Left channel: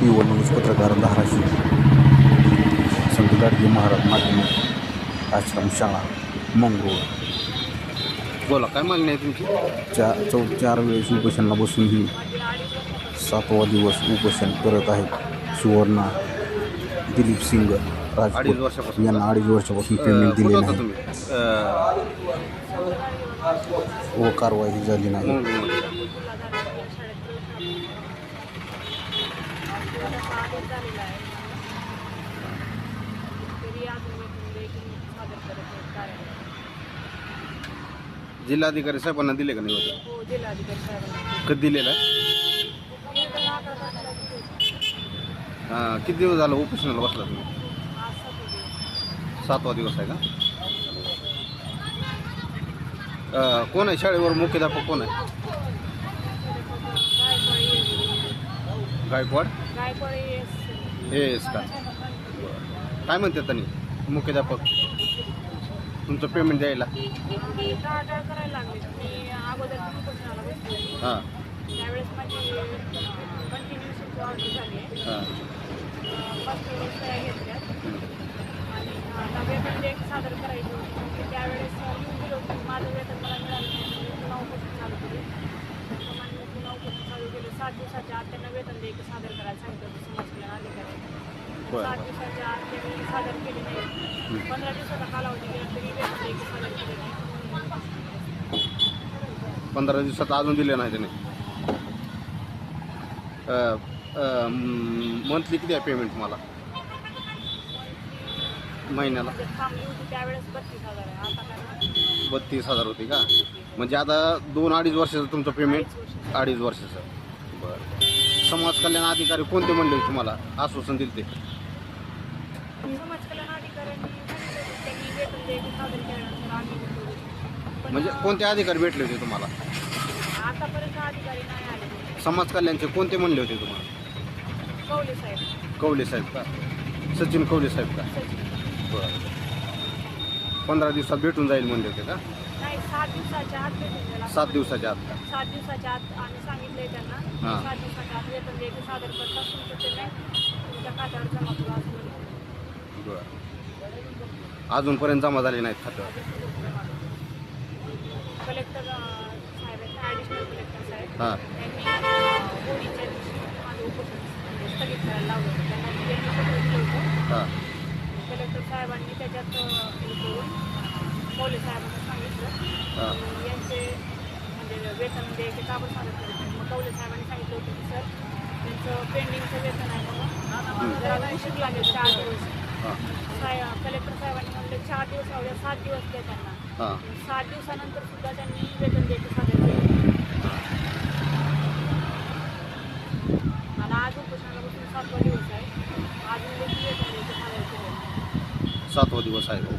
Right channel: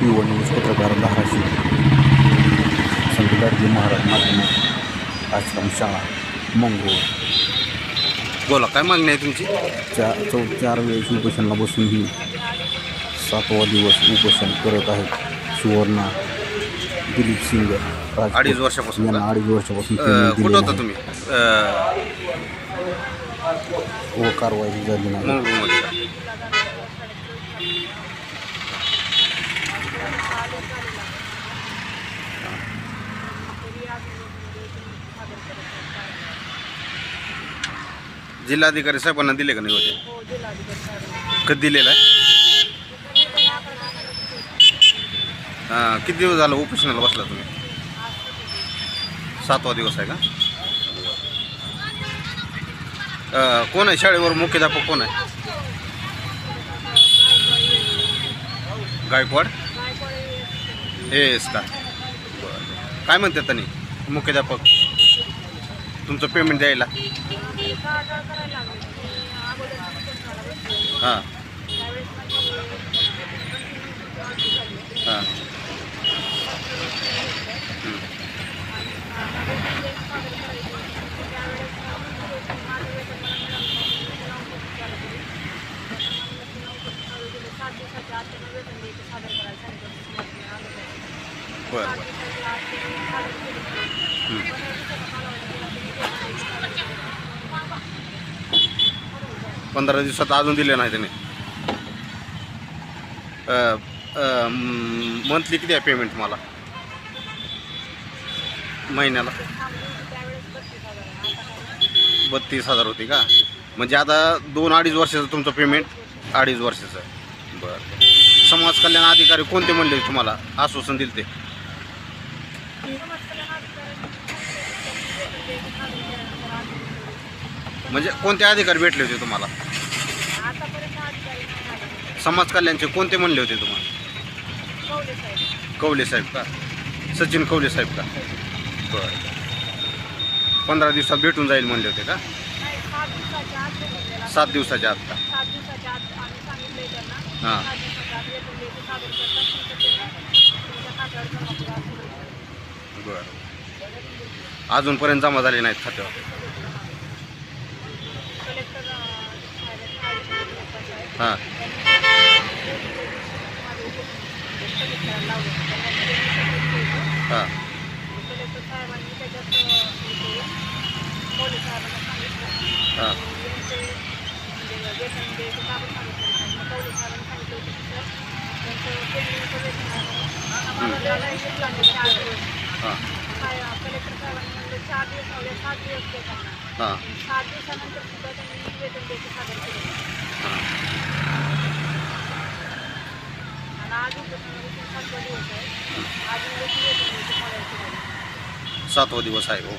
PO news पत्रकार धाराशिव. संत गाडगे महाराज माध्यमिक आश्रमशाळा मंगरूळ. बोला, काय मागणी आहे तुमची? 4 वेळेस उपोषणाला बसून ही 7वा दिवस उपोषण करत आहेत. सुवर्णा दिलीप सिंग 2.5 वर्षापासून यांना 2.5 वर्षापासून पेमेंट कुठं दिले होता नाही तुम्ही? व कारवाई झाली नाही. मंगळूरमध्ये का? जिल्हाधिकारी साहेबांना दिले का नाही होते? कधी दिलेला आहे? किती दिवस झालं उपोषणाला बसला तुम्ही? 7वा दिवस आहे का? कोण आहे शाळेवर मुख्याध्यापक? कोण आहे? गायकवाड एस का? बरं. काय म्हणतात त्यांनी मुख्याध्यापक तुमचं पेमेंट द्यायला? हां हां बरं 15 दिवसात अजून दिले नाही त्याने. मंथली किती आहे पेमेंट तुम्हाला महिन्याला? 32,000 होती का? म्हणजे आता 2-2.5 वर्षाचं तुमचं पेमेंट 2.5 वर्षाचं आहे. बरं. समाज कल्याण अधिकारी कोणते म्हणले तुम्हाला आश्वासन दिले ते? म्हणजे कोणते अधिकारी भेटले होते तुम्हाला? समाज कल्याणचे कोणते म्हणले होते तुम्हाला? कवले साहेब का? सचिन कवले साहेब का? बरं. 15 दिवसात भेटून जाईल म्हणले होते का? 7 दिवसाच्या आत का? हां बरं. अजूनपर्यंत जमा झाले नाहीत खात्यावर? हां हां हां कलेक्टर साहेबांनी म्हणलं 4 दिवस लावले, 7 दिवस देताना हां 7 दिवसानंतर सुद्धा त्यांनी वेतन द्यायचे सादर केले. आणि आज उपोषणापासून 7वा दिवस आहे. अजून वेतन द्यायचे सादर केले. 7वा दिवस आहे. हो.